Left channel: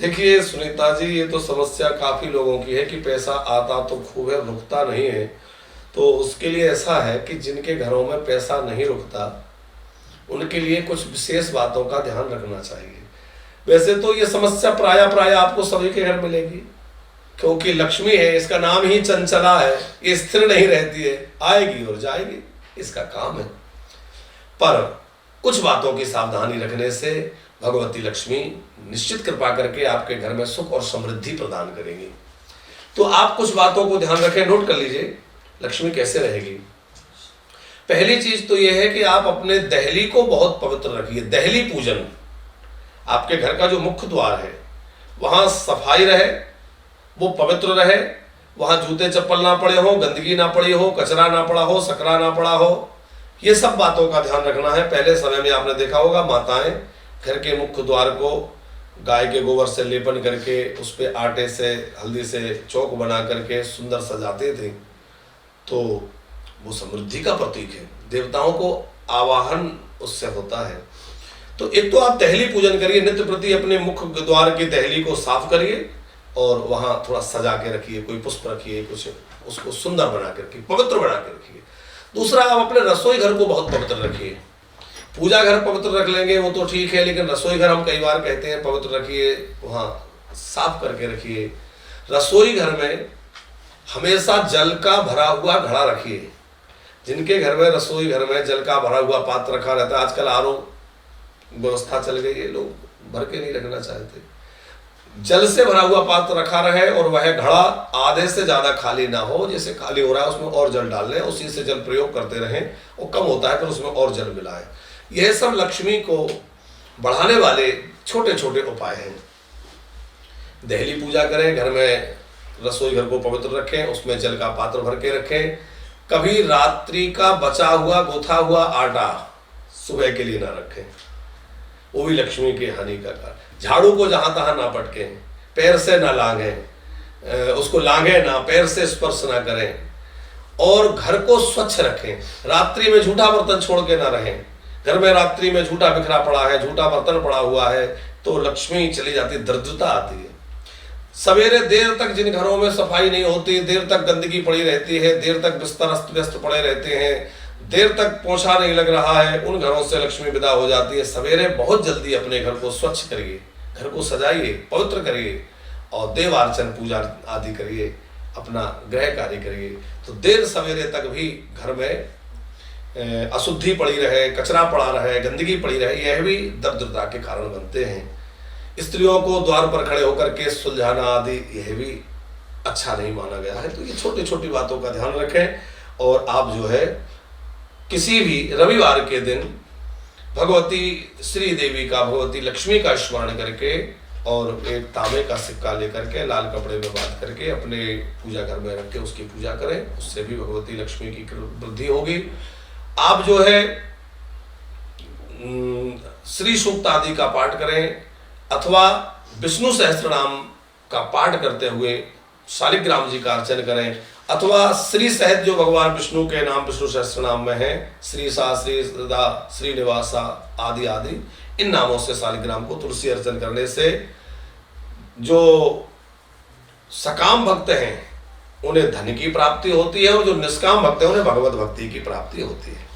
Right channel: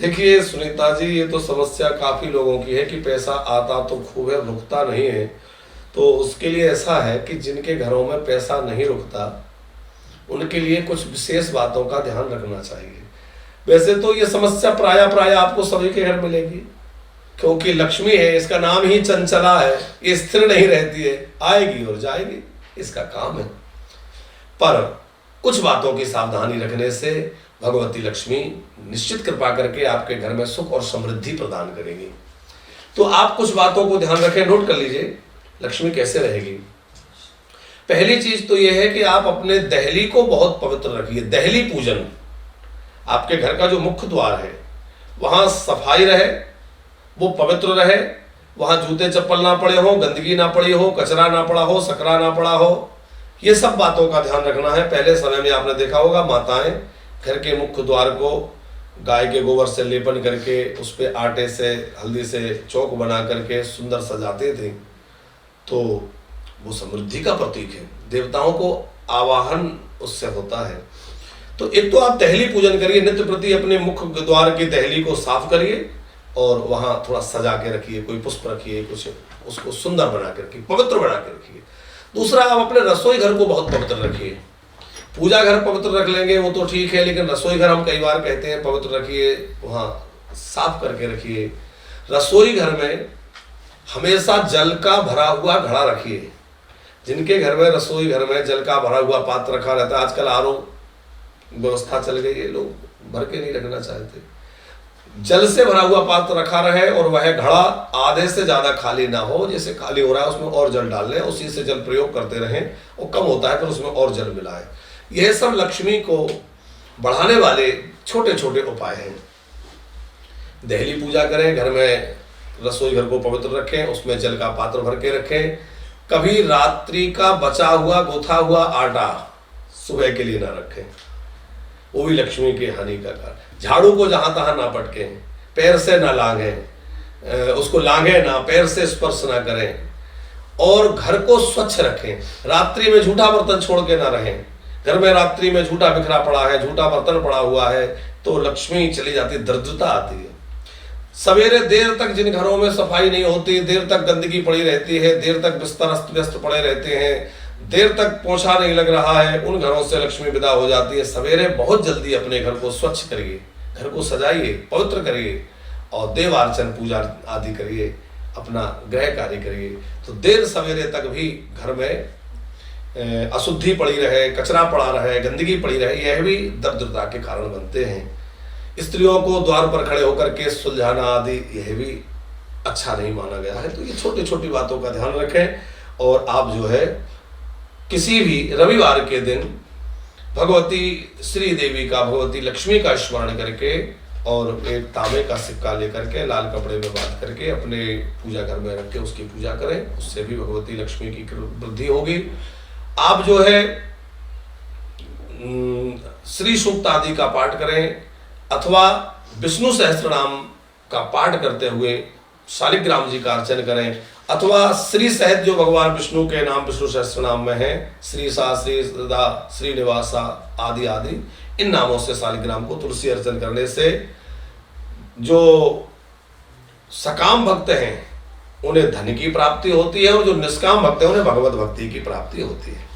देखिए सुनीता जी, ये तो समस्या काफ़ी लोगों की है कि पैसा आता तो खूब है, रुकता नहीं है। तो उसके लिए ऐसा है कि जिनके घरों में पैसा नहीं रुकता, उनके लिए कुछ विशेष बातों का ध्यान रखना चाहिए। वैसे तो ये समस्या प्राय प्राय आपको सभी के घर मिलेगी, क्योंकि लक्ष्मी है, इसका नाम ही चंचला है, ये स्थिर नहीं रहती है, आएगी और जाएगी, इसका काम है। पर कुछ बातों की सावधानी रखने से भगवती लक्ष्मी निश्चित कृपा करके आपके घर में सुख और समृद्धि प्रदान करेंगी। तो आप कुछ बातों को ध्यान रखें, नोट कर लीजिए लक्ष्मी कैसे रहेगी। पहली चीज तो यह है कि आप अपने दहली को बहुत पवित्र रखिए। दहली पूजन, आपके घर का जो मुख्य द्वार है वहां सफाई रहे, वो पवित्र रहे, वहां जूते चप्पल ना पड़े हो, गंदगी ना पड़ी हो, कचरा ना पड़ा हो, सकरा ना पड़ा हो, ये सब बातों का ध्यान रखना है। पहले समय में आपने देखा होगा माताएं घर के मुख्य द्वार को गाय के गोबर से लेपन करके उस पर आटे से हल्दी से चौक बना करके सुंदर सजाते थे। तो वो समृद्धि का प्रतीक है, देवताओं को आवाहन उससे होता है। तो एक तो आप दहली पूजन करिए, नित्य प्रति अपने मुख्य द्वार की दहली को साफ करिए और वहां थोड़ा सजा के रखिए, कोई पुष्प रखिए, कुछ उसको सुंदर बना करके पवित्र बना के रखिए। दूसरा, आप अपने रसोई घर को बहुत पवित्र रखिए। पूजा घर पवित्र रख लेंगे वो तो ठीक है, लेकिन रसोई घर हम कई बार कहते हैं पवित्र रखिए, वहाँ साफ करके रखिए। रसोई घर में हमेशा जल का भरा हुआ घड़ा रखिए। जिनके घर में रसोई घर में जल का भरा हुआ पात्र रखा रहता है, आजकल आरओ व्यवस्था चल गई है, लोग भर के नहीं रखना चाहते, जल से भरा हुआ पात्र रखा रहे और वह घड़ा आधे से ज्यादा खाली ना हो। जैसे खाली हो रहा है उसमें और जल डाल लें, उसी से जल प्रयोग करते रहें, वो कम होता है फिर उसमें और जल मिलाएं। यह सब लक्ष्मी को बढ़ाने वाले छोटे छोटे उपाय हैं। दहली पूजा करें, घर में रसोई घर को पवित्र रखें, उसमें जल का पात्र भर के रखें। कभी रात्रि का बचा हुआ गुथा हुआ आटा सुबह के लिए ना रखें, वो भी लक्ष्मी की हानि का कारण। झाड़ू को जहां तहां ना पटकें, पैर से ना लांघें, उसको लांघें ना, पैर से स्पर्श ना करें, और घर को स्वच्छ रखें। रात्रि में झूठा बर्तन छोड़ के ना रहें। घर में रात्रि में झूठा बिखरा पड़ा है, झूठा बर्तन पड़ा हुआ है तो लक्ष्मी चली जाती, दरिद्रता आती है। सवेरे देर तक जिन घरों में सफाई नहीं होती, देर तक गंदगी पड़ी रहती है, देर तक बिस्तर अस्त व्यस्त पड़े रहते हैं, देर तक पोछा नहीं लग रहा है, उन घरों से लक्ष्मी विदा हो जाती है। सवेरे बहुत जल्दी अपने घर को स्वच्छ करिए, घर को सजाइए, पवित्र करिए और देवार्चन पूजा आदि करिए, अपना गृह कार्य करिए। तो देर सवेरे तक भी घर में अशुद्धि पड़ी रहे, कचरा पड़ा रहे, गंदगी पड़ी रहे, यह भी दरिद्रता के कारण बनते हैं। स्त्रियों को द्वार पर खड़े होकर के सुलझाना आदि यह भी अच्छा नहीं माना गया है। तो ये छोटी छोटी बातों का ध्यान रखें। और आप जो है किसी भी रविवार के दिन भगवती श्री देवी का, भगवती लक्ष्मी का स्मरण करके और एक तांबे का सिक्का लेकर के लाल कपड़े में बांध करके अपने पूजा घर में रख के उसकी पूजा करें, उससे भी भगवती लक्ष्मी की वृद्धि होगी। आप जो है श्री सूक्त आदि का पाठ करें अथवा विष्णु सहस्त्रनाम का पाठ करते हुए शालिग्राम जी का अर्चन करें, अथवा श्री सहित जो भगवान विष्णु के नाम विष्णु सहस्त्रनाम में है, श्री सा, श्री सदा, श्रीनिवासा आदि आदि, इन नामों से शालिग्राम को तुलसी अर्चन करने से जो सकाम भक्त हैं उन्हें धन की प्राप्ति होती है और जो निष्काम भक्त हैं उन्हें भगवत भक्ति की प्राप्ति होती है।